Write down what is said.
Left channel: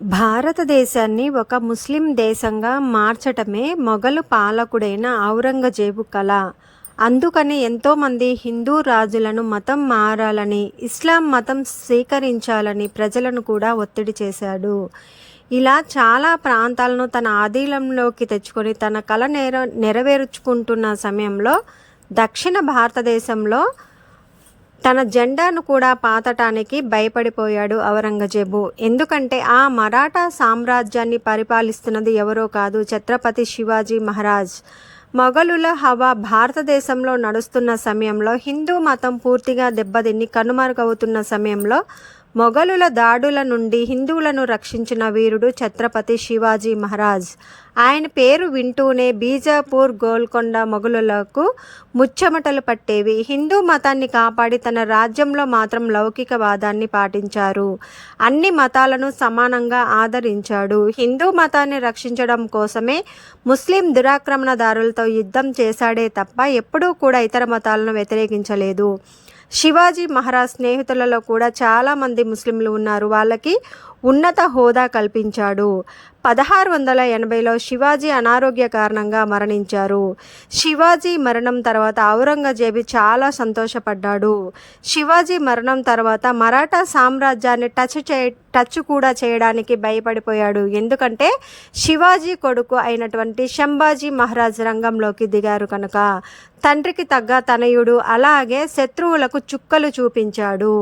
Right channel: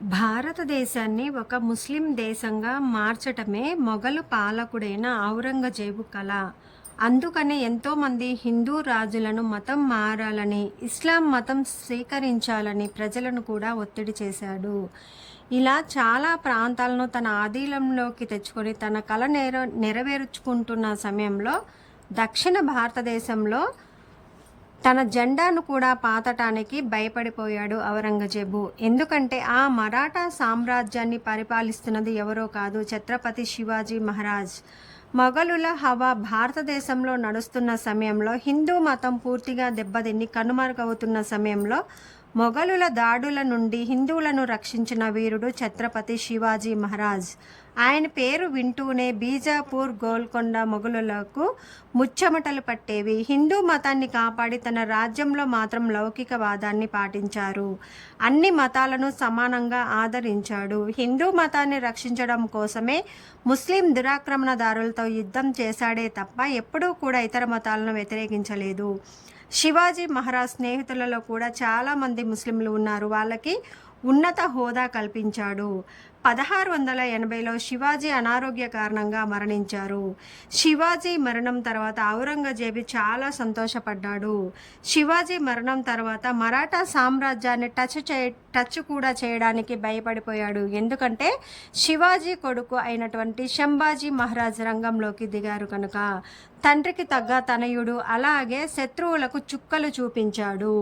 భారతదేశాన్ని ఒక ముస్లిం దేశంగా మార్చటమే మొఘలు పాలకుడైన ఔరంగజేబు కల. అందుకని ఎంతోమంది హిందూ రాజులను మతం మారాలని, ఇస్లాం మతం స్వీకరించాలని ప్రజలను కూడా ఒత్తిడి చేశాడు. ఇలా చాలా ప్రాంతాలను తన ఆధీనంలోకి తెచ్చుకొని తన కల నెరవేర్చుకుంటున్న సమయంలో దక్షిణ భారతదేశంలో తన జెండాను కూడా పాతటానికి భయపడిపోయాడు ఔరంగజేబు. ఎందుకంటే ఆ మరాఠా సామ్రాజ్యాన్ని పరిపాలిస్తున్నది ఎవరో కాదు, ఛత్రపతి శివాజీ మహారాజ్. మొఘలుల హవా భారతదేశంలో నడుస్తున్న సమయంలో, హిందూ మతం పూర్తిగా దెబ్బతిని కనుమరుగవుతున్న సమయంలో మొఘలుల దాడుల నుండి హిందువులను రక్షించిన వీరుడు ఛత్రపతి శివాజీ మహారాజ్. ఆయన పేరు వింటూనే బీజాపూర్, గోల్కొండ మొఘలులకు ముచ్చెమటలు పట్టేవి. హిందూ మతాన్ని కాపాడి తన రాజ్యంలో మాత్రం లౌకికవాదాన్ని పాటించారు. అన్ని మతాలను సమానంగా ఆదరించాడు. హిందూ మతాన్ని రక్షించడం కోసమే ముస్లిం దురాక్రమణదారులతో యుద్ధం చేశాడే తప్ప ఎప్పుడూ కూడా ఇతర మతాలను వ్యతిరేకించలేదు. శివాజీ మహారాజ్ స్నేహితులలో కూడా చాలామంది ముస్లింలు ఉన్నారు. వాళ్ళకి ఉన్నత హోదా కల్పించాడు. 1680లో శివాజీ అనారోగ్య కారణంగా మరణించారు. శివాజీ మరణం తర్వాత ఔరంగజేబు చాలా సంతోషపడ్డాడు. శివాజీ మరణం తర్వాత మరాఠా సామ్రాజ్యాన్ని టచ్ కూడా చేయడానికి భయపడిపోయాడు. ఎందుకంటే శివాజీ కొడుకు అయినటువంటి సంభాజీ మహారాజ్ రంగంలోకి దిగారు కనుక. తండ్రికి తగ్గ తనయుడు, అలాగే శత్రువులకు చుక్కలు చూపించాడు.